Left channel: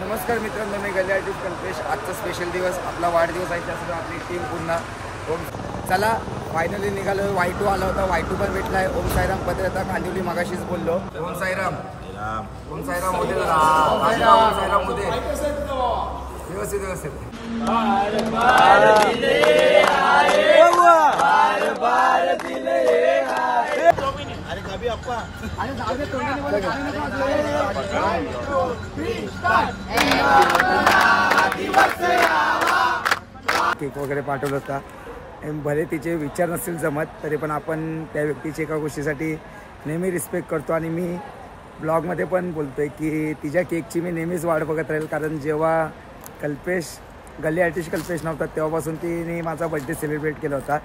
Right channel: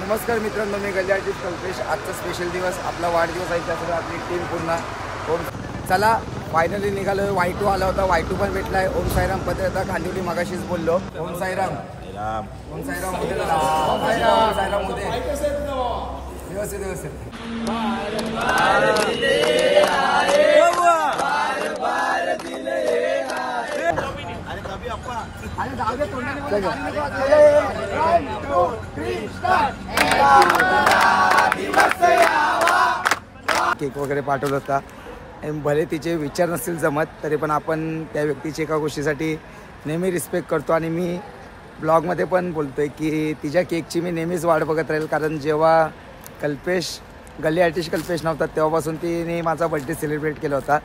नमस्कार मित्रांनो, मी गल्ली आर्टिस्ट कल्पेश। आजचा स्पेशल दिवस, आपला वाढदिवस आहे, त्यासोबत आपली टीम पूर्ण ओम। चला फायनली निघालो। Y2 आला होता, Y2 पण भेटलाय। ओम साईराम पत्रता कांदिवली मगाशीच बोललो। ओम साईराम, ओम साईराम होते, ओम साईराम होते, व्यवस्थित व्यवस्थित। केक वगैरे पाठवला होता। भले तिचे विचार नसतील जमत तरी पण आपण त्या व्यक्तीची एका गोष्टीसाठी नेहमी रिस्पेक्ट करतो आणि मी ब्लॉगमध्ये पण बोलतोय की तिच्या केकची मी नेहमीच वाट बघत राहील, कारण जेव्हा कल्पेश गल्ली आर्टिस्ट कल्पेश नव्हता तेव्हापासून तिने माझा बर्थडे सेलिब्रेट केला होता।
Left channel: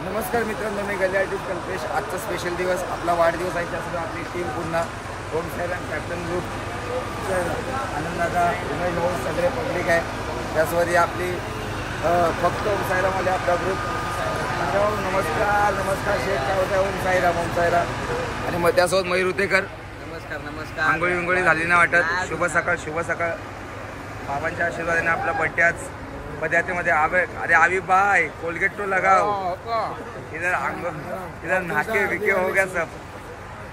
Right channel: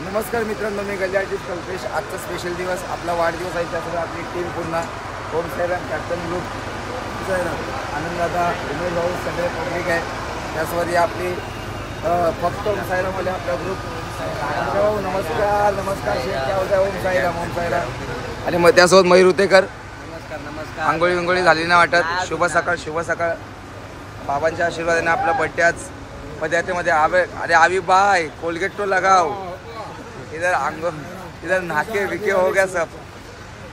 नमस्कार मित्रांनो, मी गल्ली आर्टिस्ट कल्पेश। आजचा स्पेशल दिवस, आपला वाढदिवस आहे, त्यासोबत आपली टीम पूर्ण ओम साईराम कॅप्टन ग्रुप, आनंद दादा, उमेश भाऊ, सगळे पब्लिक आहे। त्यासोबत आपली फक्त ओम साईरामवाले आपला ग्रुप। भाऊ नमस्कार, नमस्कार शेख, काय होत आहे? ओम साईराम, ओम साईराम। आणि मग त्यासोबत मयूर उतेकर, नमस्कार नमस्कार। आंघोळी विंगोळी झाली ना वाटत? शुभ सकाळ, शुभ सकाळ। बाबांच्या आशीर्वादाने आपला बर्थडे आज पदयात्रेमध्ये आवे। अरे आवी बाय, कोलगेट तो लगाओ, इधर इधर नाके विके हो गया सब।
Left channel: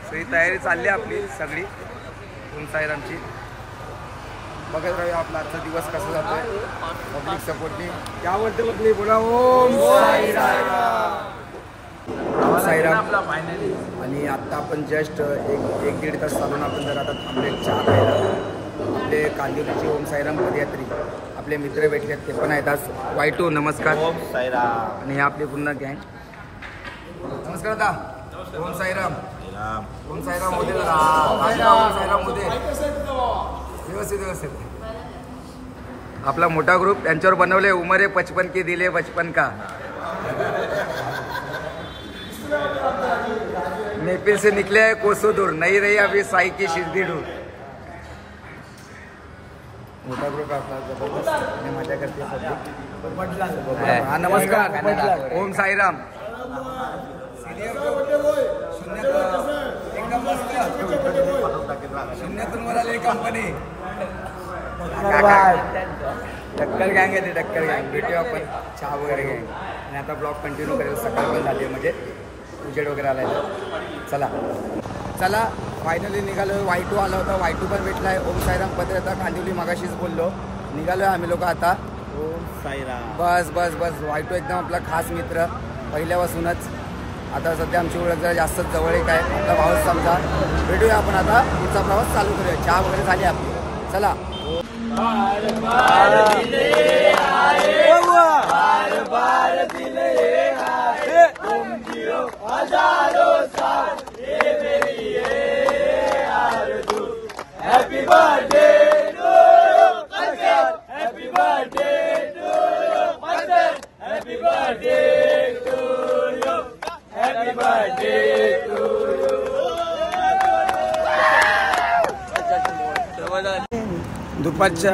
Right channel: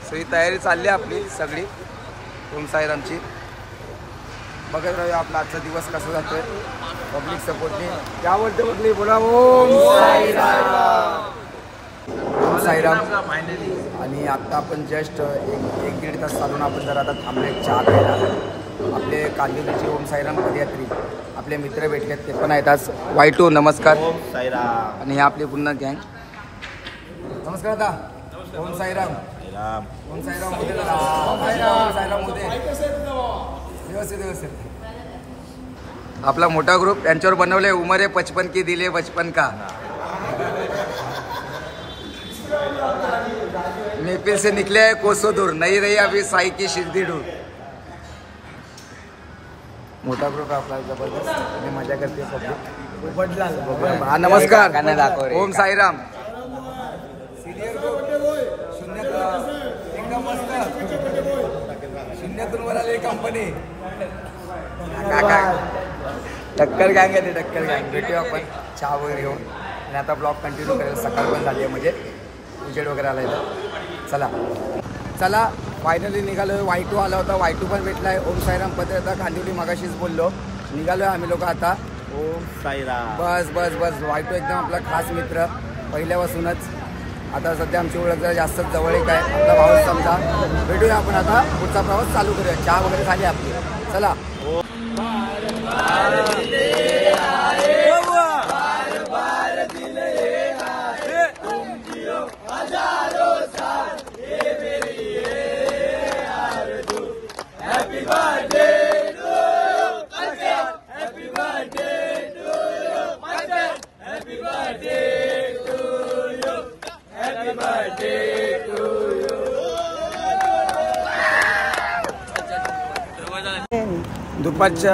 सो ही तयारी चालली आपली सगळी ओम साईरामची। बघत राहूया आपला आजचा दिवस कसा जातोय पब्लिक सपोर्टने। क्या बोलते बघली, बोला ओम साईराम, ओम साईराम। आणि आता आपण जस्ट एक दीड तास चालून आपण जर आता थांबले चहा प्यायला। आपले कांदिवलीचे ओम साईराम पदयात्री आपले मित्र भेटलेत, ते पण आहेत आज। Y2 नमस्कार, ओम साईराम। आणि हे आपले पूर्ण गँग। नमस्कार दादा, ओम साईराम, ओम साईराम होते, ओम साईराम होते, व्यवस्थित व्यवस्थित। आपला मोठा ग्रुप यांच्यावर बनवले उमरे 55 की दिले बचपन का। मेपिल से निकले है कोसों दूर, नहीं रही अभी साई की शिरडी दूर। मोठा ग्रुप आपला जबरदस्त आणि मजा करते पब्लिक। हा नमस्कार, ओम साईराम। शून्यातून वर आली कंपनी, काका टक्कर गँग आहे ते, टक्कर गँग। भेटूया आपण चहा वगैरे घेऊन आणि आता ब्लॉग कंटिन्यू करेल। सकाळ पण झाली आहे, म्हणजे उजेड वगैरे आलाय तर चला चला फायनली निघालो। Y2 आला होता, Y2 पण भेटलाय। ओम साईराम पत्रता कांदिवली मगाशीच बोललो। निघालोय आम्ही लोक आता। ओम साईराम, बस बस बस। Y2 एकदम आपला खास मित्र पहिल्यापासूनच। आता सध्या आमची ओळख जरा जास्तच जवळीक आहे, आपला भाऊच समजा। भेटूया आपण आता, पुढचा प्रवास चालू करूया। चहा वगैरे झाली आपली, चला। दुपारच्या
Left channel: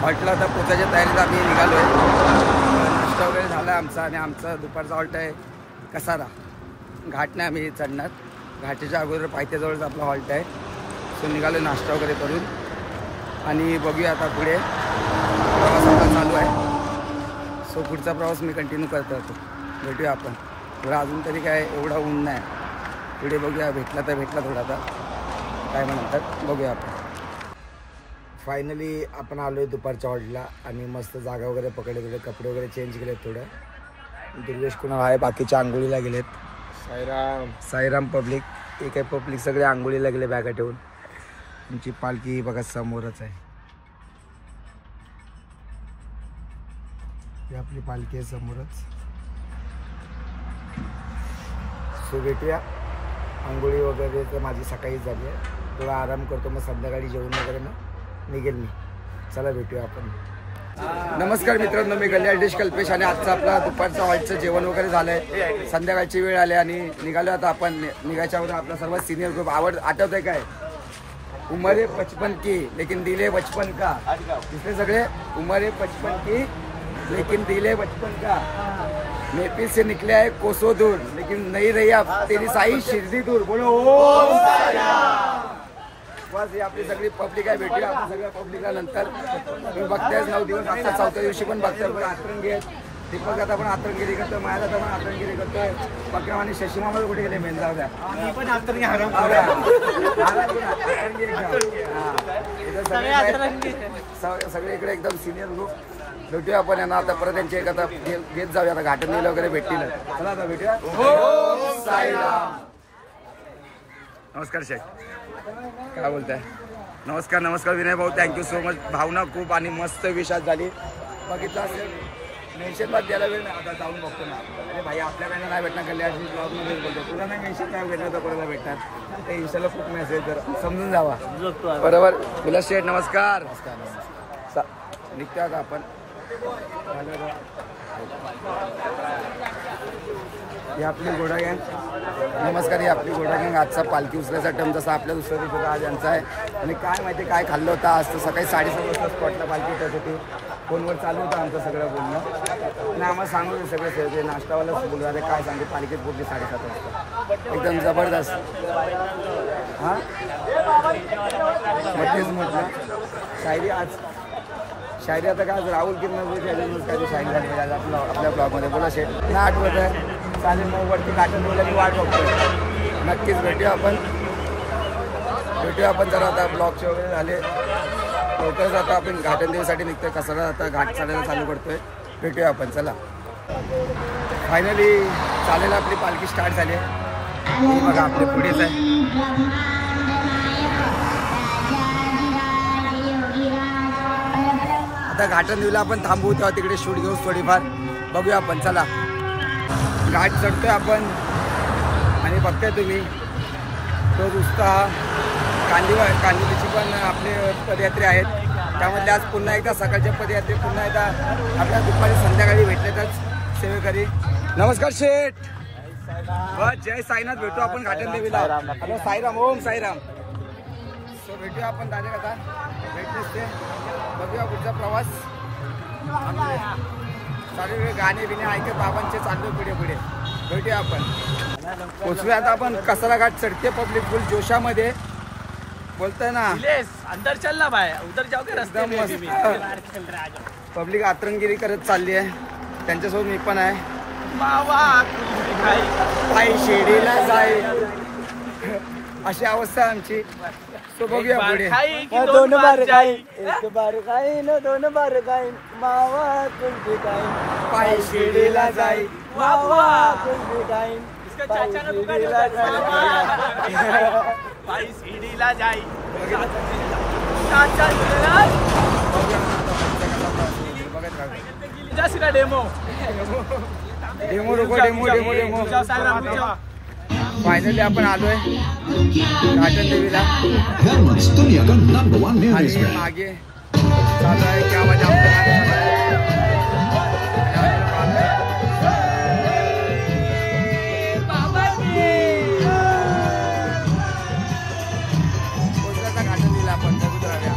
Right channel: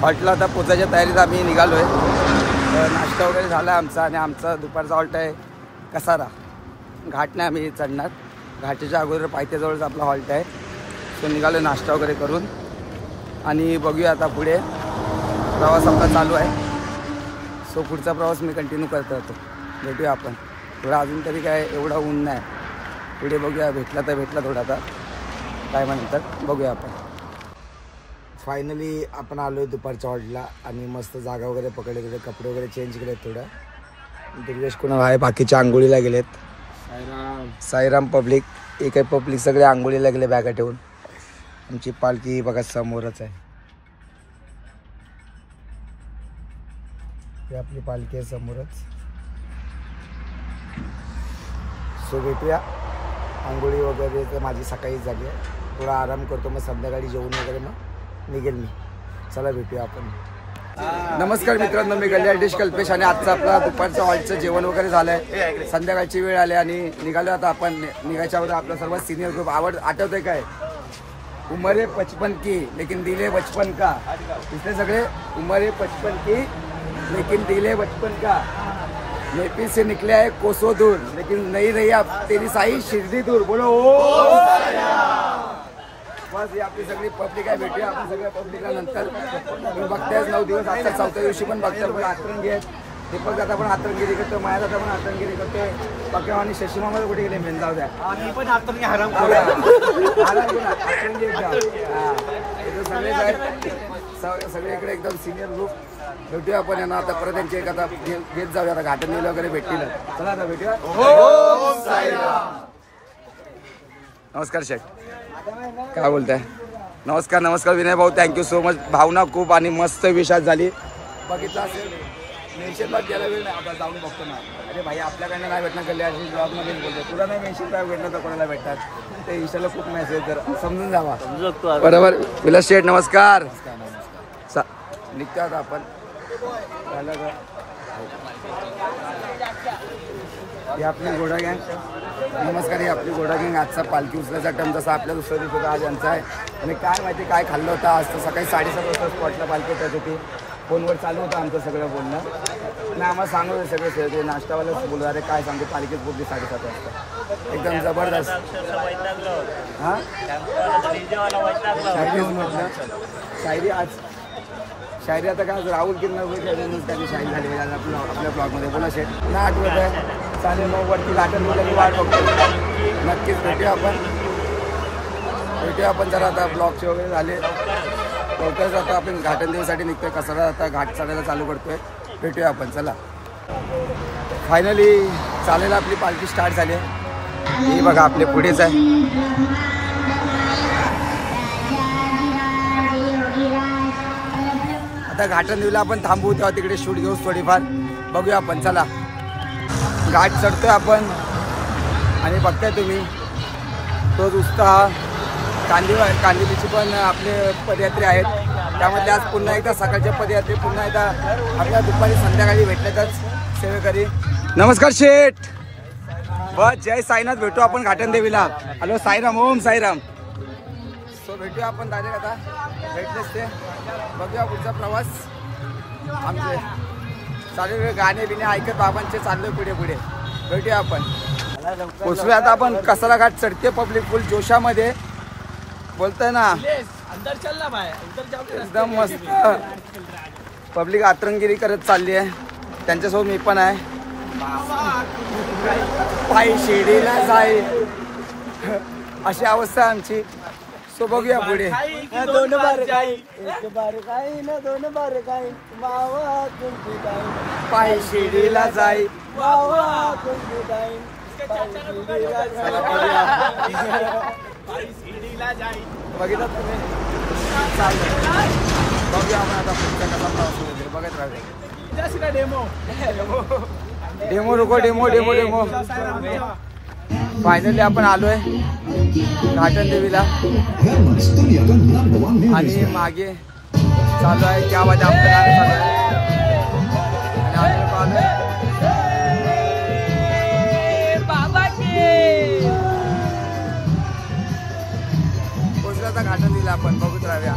हॉल्टला आता पोचायच्या तयारीत आम्ही निघालो आहे। नाश्ता वगैरे झाला आहे आमचा, आणि आमचा दुपारचा हॉल्ट आहे कसारा घाट। नाही आम्ही चढणार, घाटीच्या अगोदर पायथ्याजवळच आपला हॉल्ट आहे। सो निघालो नाश्ता वगैरे करून, आणि बघूया आता पुढे प्रवास आपला चालू आहे। सो पुढचा प्रवास मी कंटिन्यू करतो होतो। भेटूया आपण थोडा, अजून तरी काय एवढा ऊन नाही, पुढे बघूया, भेटला तर भेटला थोडा, आता टायमानंतर बघूया आपण. फायनली आपण आलो आहे दुपारच्या हॉटेलला आणि मस्त जागा वगैरे पकडले गेले, कपडे वगैरे चेंज केलेत थोडं. दिग्वेश कुणाल आहे, बाकीच्या आंघोळीला गेलेत. साईराम पब्लिक, एक आहे पब्लिक, सगळे आंघोळीला गेले बॅगा ठेवून. आमची पालखी बघा समोरच आहे, ही आपली पालखी आहे समोरच. सो भेटूया. आंघोळी वगैरे तर माझी सकाळीच झाली आहे, थोडा आराम करतो, मग संध्याकाळी जेवण वगैरे मग निघेल मी. चला भेटूया आपण. नमस्कार मित्रांनो, मी गल्याळ डिश कल्पेश आणि आजचं आपला दुपारचं हॉलचं जेवण वगैरे झालं आहे. संध्याकाळची वेळ आली आणि निघालो आता आपण. निघायच्या अगोदर आपला सर्वात सिनियर ग्रुप आठवत आहे काय, उमरे 55 की लेकिन दिले बचपन का. इसलिए सगळे उमरे 55 की लेकिन दिले बचपन का. नेपिल से निकले आहे कोसो दूर लेकिन नहीं रही अब तेरी साई शिर्डी दूर. बोलो ओम साईराम. बस ही आपली सगळी पब्लिक आहे. भेटूया आपण सगळ्या पब्लिकला नंतर. तुम्ही बघतायच 9 दिवस, आता 4थ्या दिवशी पण बघताय. पुढे आतरंगी आहेत, दीपक दादा पण आतरंगिरी करतोय, माया दादा पण आतरंगिरी करतोय. पक्या आणि शशी मामा कुठे गेले मेन जाऊ द्या. मी पण आतरंगी आराम आतरंगी एकदम. हा इथं सगळेच आहेत, सगळे इकडे एकदम सिनियर ग्रुप. भेटूया आपण यांना आता परत. त्यांची एक आता घेत जाऊया, आता घाटन नील वगैरे भेटतील. चला आता भेटूया. ओम साईराम. नमस्कार शेठ, काय बोलताय? नमस्कार नमस्कार विनय भाऊ, थँक्यू सो मच. भावना खूप आणि मस्त विषाद झाली. बघितलं असेल मेन्शन बात द्यायला वेळ नाही, आता जाऊन बघतो ना. अरे भाई आपल्याकडनं नाही भेटणार, कल्याण ब्लॉगमध्येच बोलतो. तुला नाही मेन्शन काय भेटणार तर कोणाला भेटतात ते इंस्टाला खूप मेसेज, तर समजून जावा. बरोबर विलास शेठ नमस्कार. निघतो आता आपण. ही आपली घोडा गँग. नमस्कार, ही आपली घोडा गँग. आजचा पालखी उचलायचा टर्म जसा आपल्या दुसऱ्या दिवशी होता, आज यांचा आहे. आणि काय माहिती काय खाल्लं होतं आज. तर सकाळी 7:30 वाजता स्पॉटला पालखी येत होती. फोनवर चालू होतं आमचं सगळं बोलणं. नाही आम्हाला सांगू सगळे ते नाश्तावालाच बोलू. अरे काय सांगू, पालखीच बोलली 7:30 वाजता, एकदम जबरदस्त. हां मग तेच म्हटलं शायरी आज शायरी आता काय राहुल किरण काय शायरी झाली पाहिजे आज आपल्या ब्लॉगमध्ये. बोला शेठ ना आठवत आहे. चालेल मग वरती घाटन बोलायची वाट बघतोय. नक्कीच भेटूया आपण जरा आता ब्लॉगचे वगैरे झाले लवकरच. आता आपण घाटन देवीसाठी निघतोय, कसारा आता घाट चढायला चालू करतोय. भेटूया आपण. चला फायनली चालेल आपली पालखी स्टार्ट झाली आहे. बघा आपले पुढेच आहे. आता घाटन देवीला आपण थांबू, तेव्हा तिकडे शूट घेऊ थोडीफार. बघूया आपण. चला घाट चढतोय आपण आणि बघताय तुम्ही तोच उत्साह. कांदिवलीची पण आपले पदयात्री आहेत, त्यामध्ये आज पुन्हा एकदा सकाळच्या पदयात्रे पुन्हा एकदा आपल्या दुपारी संध्याकाळी भेटण्यातच सेवेकरी. नमस्कार शेठ, बस जय साईनाथ. भेटू आपण घाटन देवीला. हॅलो साईराम. ओम साईराम. सो भेटूया आपण डायरेक्ट आता भेटलेच ते. बघूया पुढचा प्रवास. आमचे सगळे गाणे बिणे ऐकत बाबांचे चाललो पुढे पुढे. भेटूया आपण. पोचूया आता आपण कसारा घाट चढते. पब्लिक फुल जोशामध्ये बोलताय ना, एकदम मस्त. पब्लिक आतरंगिरी करत चालली आहे, त्यांच्यासोबत मी पण आहे. पायी शिर्डीला जाई अशी अवस्था आहे आमची. सो बघूया पुढे. पायी शिर्डीला जाई बघितलं तुम्ही. बघूया आता पुढच्या कसा प्रवास होईल बघत राहतो. डेमो रुको डेमो डेमो डेमो. फायनली आपण आलोय घाटन देवीला आणि मागे चालू आहे क्या वजह आपलं गाणं चालू आहे. पोचला घाटन देवीला आपण. बघूच राहूया.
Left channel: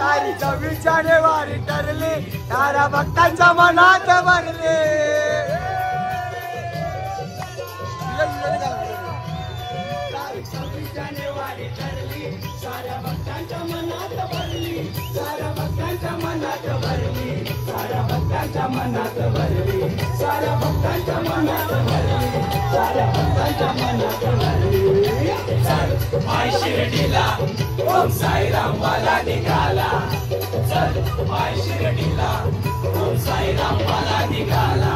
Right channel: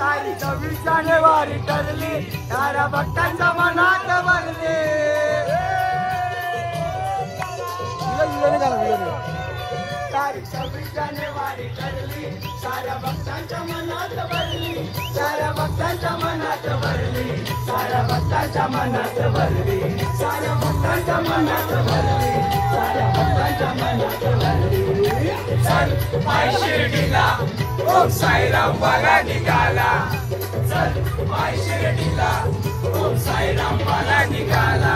तारीख 26 जानेवारी ठरली, तारा भक्तांच्या मनात बनले. विट्याने वारी चढली, साऱ्या भक्तांच्या मनात भरली, साऱ्या भक्तांच्या मनात भरली, साऱ्या भक्तांच्या मनात भरली, साऱ्या भक्तांच्या मनात भरली, साऱ्या भक्तांच्या मनात भरली. चल पाय शिर्डीला, ओम साईराम वागा निघाला, चल पाय शिर्डीला, ओम साईराम वागा निघाला.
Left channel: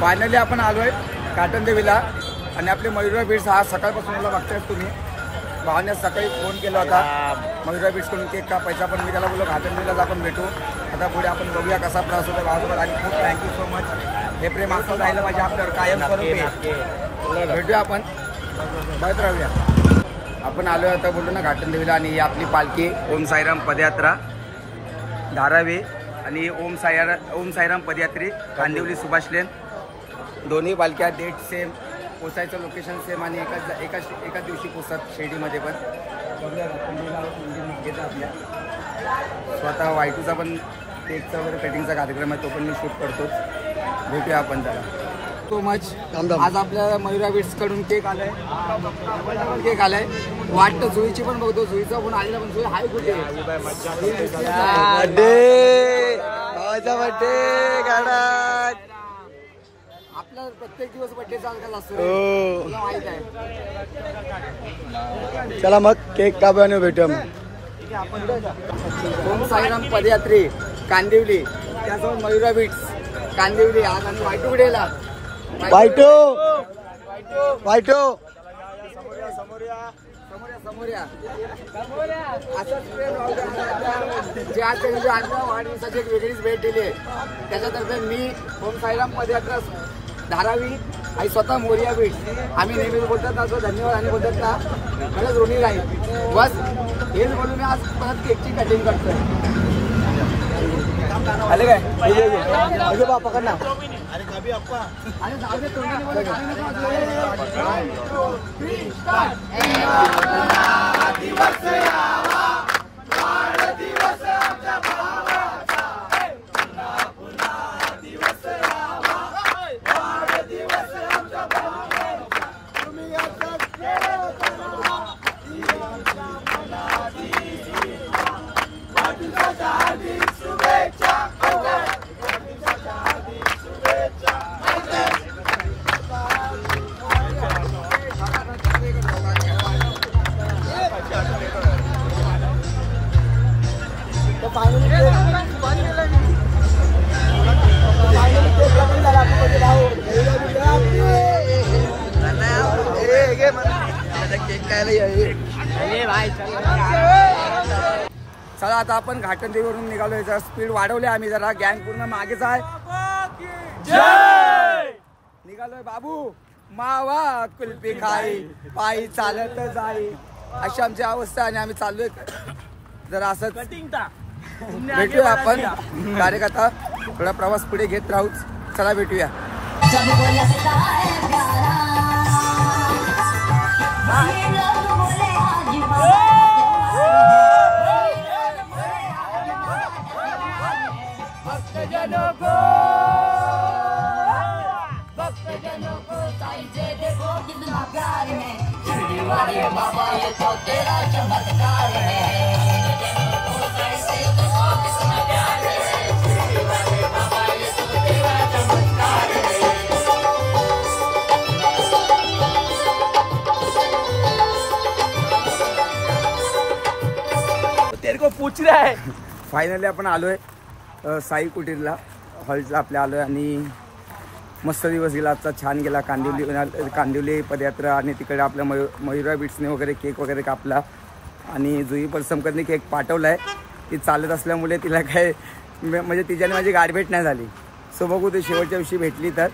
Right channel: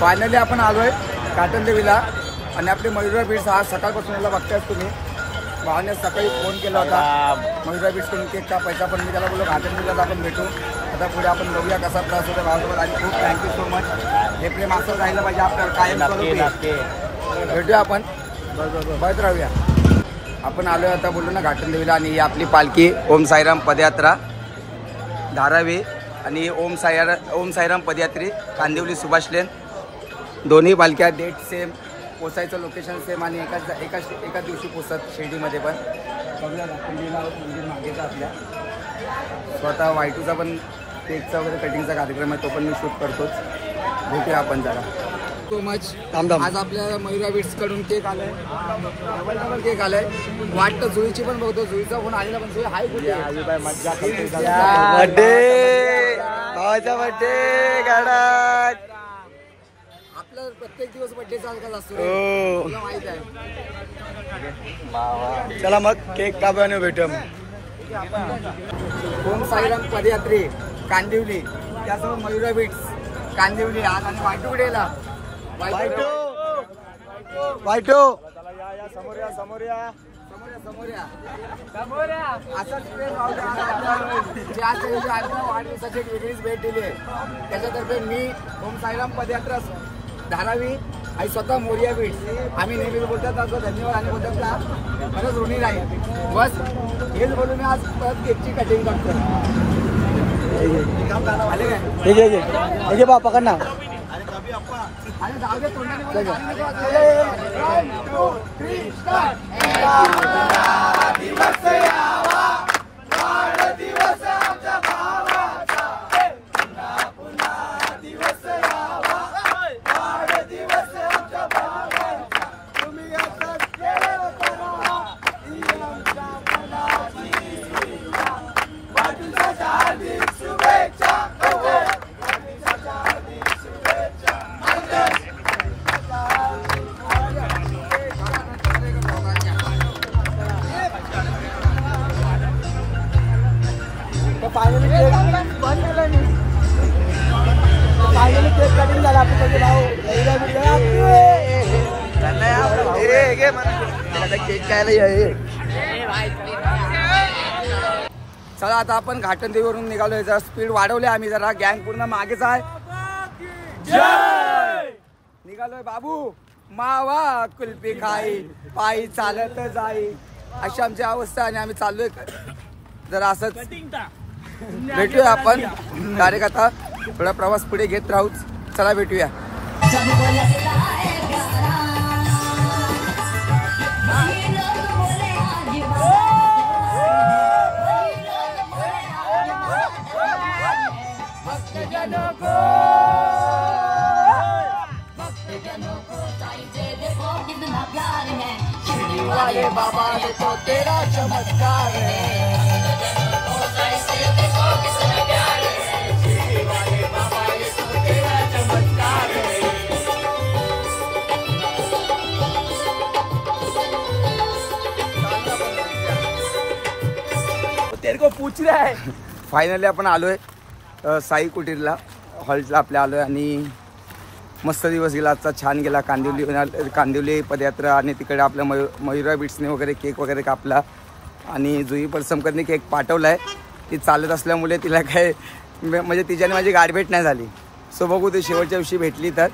फायनली आपण आलोय काटन देवीला आणि आपले मयुरा बीट्स हा सकाळपासून याला बघतायच तुम्ही. भावाने सकाळी फोन केला होता मयुरा बीट्स कडून केक कापायचा, पण मी त्याला बोललो काटन देवीलाच आपण भेटू. आता पुढे आपण बघूया कसा प्रवास होता भावासोबत. आणि खूप थँक्यू सो मच. हे प्रेम असं राहिलं पाहिजे आपल्यावर कायम स्वरूपी. भेटूया आपण, बघत राहूया. आपण आलोय आता बोललो ना काटन देवीला, आणि ही आपली पालखी ओम साईराम पदयात्रा धारावी आणि ओम साईराम पदयात्री कांदिवली सुभाष लेन. दोन्ही पालख्या डेट सेम, पोचायचं लोकेशन सेम आणि एकाच दिवशी पोचतात शिर्डीमध्ये. पण बघूया काटन आहोत मंदिर मागेचा आपल्या. स्वतः वायटूचा पण केकचा वगैरे कटिंगचा कार्यक्रम आहे, तो पण मी शूट करतोच. भेटूया आपण त्याला. So much. आज आपल्या मयुरा बीट्स कडून केक आलाय, डबल केक आलाय. वाटतं जुईची पण बघतो, जुईचा फोन आलेला, पण जुई हाय कुठे? बर्थडे भावाचा बर्थडे गाडात. आपला प्रत्येक दिवस बर्थडे चालत असतो, माहित आहे. चला मग केक कापाने भेटूया मग. ओम साईराम पदयात्री कांदिवली, त्यासोबत मयुरा बीट्स कांदिवली. आज आणि वायटू कुठे गेला? वायटू समोर असंच जे आज वाढदिवसाची एक वेगळीच भेट दिली आहे. त्याच्यातर्फे मी ओम साईराम पदयात्रा धारावी आणि स्वतः मोरिया बीट्स आम्ही नेहमी बोलतात असं धन्यवाद आणि बोलतात का खरंच ऋणी राहील. बस हेच बोलून मी आज परत केकची कटिंग करतो. आले काय बा पकड ना. अरे जाऊ दे तुम्ही चला आता आपण घाटन देवीवरून निघालोय. जरा स्पीड वाढवले आम्ही, जरा गँग पूर्ण मागेच आहे. निघालोय बाबू मावा कुल्फी खाई, पायी चालत जाई, अशी आमची अवस्था. आणि आम्ही चाललोय जरा असंच. भेटूया आपण डायरेक्ट आता, थोडा प्रवास पुढे घेत राहूच. चला भेटूया. फायनली आपण आलोय साई कुटीरला, हॉलला आपल्या आलोय. आणि मस्त दिवस गेला आजचा, छान गेला. कांदिवली पदयात्रा आणि तिकडे आपल्या मयुरा बीट्सने वगैरे केक वगैरे कापला. आणि जुई परसमकरने केक पाठवलाय. ती चालत असल्यामुळे तिला काय म्हणजे तिच्याने माझी गाठभेट नाही झाली. सो बघू ते शेवटच्या दिवशी भेटली तर.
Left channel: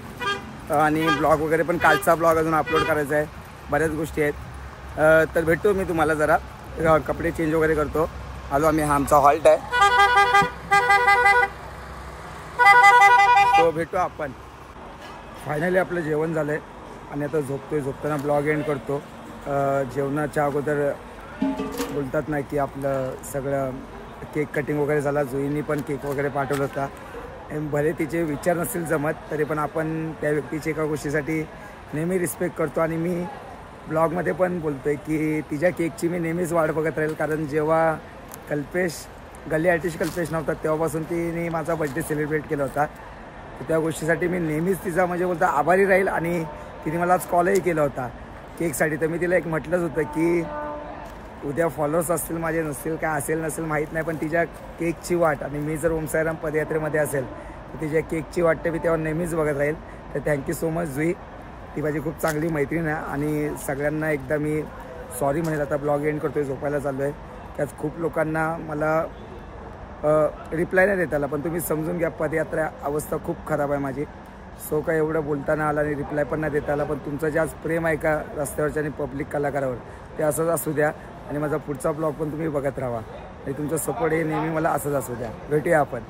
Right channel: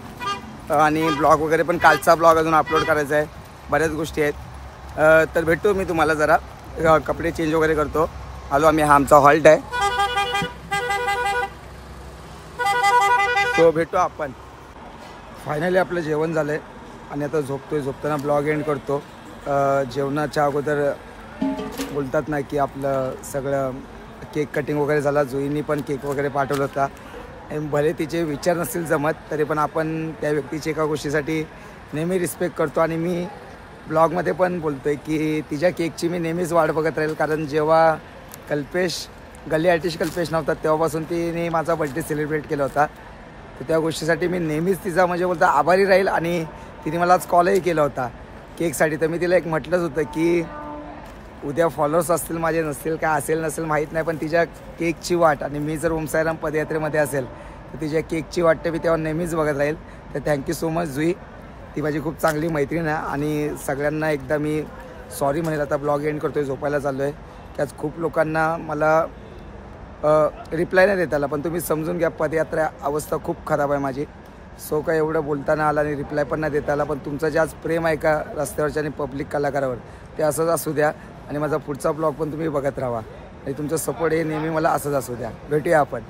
आणि ब्लॉग वगैरे पण कालचा ब्लॉग अजून अपलोड करायचा आहे, बऱ्याच गोष्टी आहेत. तर भेटतो मी तुम्हाला, जरा कपडे चेंज वगैरे करतो. आलो आम्ही, हा आमचा हॉल्ट आहे. तो भेटतो आपण. फायनली आपलं जेवण झालं आहे आणि आता झोपताना ब्लॉग एंड करतो. जेवणाच्या अगोदर बोलतात ना की आपलं सगळं केक कटिंग वगैरे झाला. जुईनी पण केक वगैरे पाठवला होता. भले तिचे विचार नसतील जमत तरी पण आपण त्या व्यक्तीची एका गोष्टीसाठी नेहमी रिस्पेक्ट करतो आणि मी ब्लॉगमध्ये पण बोलतो आहे की तिच्या केकची मी नेहमीच वाट बघत राहील. कारण जेव्हा गल्ली आर्टिस्ट कल्पेश नव्हता तेव्हापासून तिने माझा बड्डे सेलिब्रेट केला होता. तर त्या गोष्टीसाठी मी नेहमीच तिचा म्हणजे बोलता आभारी राहील. आणि तिने मला आज कॉलही केला होता केकसाठी. तर मी तिला एक म्हटलंच होतं की उद्या फॉलोअर्स असतील माझे नसतील काय असेल नसेल माहीत नाही पण तिच्या केकची वाट आणि मी जर ओम साईराम पदयात्रेमध्ये असेल तर तिच्या केकची वाट मी तेव्हा नेहमीच बघत राहील. तर थँक्यू सो मच जुई. ती माझी खूप चांगली मैत्रीण आहे आणि सगळ्यांना एकदा मी सॉरी म्हणेल. आता ब्लॉग एंड करतो आहे, झोपायला चाललो आहे. त्याच खूप लोकांना मला रिप्लाय नाही देता आला पण तुम्ही समजून घ्या पदयात्रा अवस्था खूप खराब आहे माझी. सो काय एवढं बोलताना आला आणि रिप्लाय पण नाही देता आला. पण तुमचं जे आज प्रेम आहे का रस्त्यावरच्या आणि पब्लिक कलाकारावर ते असंच असू द्या आणि माझा पुढचा ब्लॉग पण तुम्ही बघत राहा आणि तुमचं सपोर्ट हे नेहमी मला असंच असू द्या. भेटूया आपण.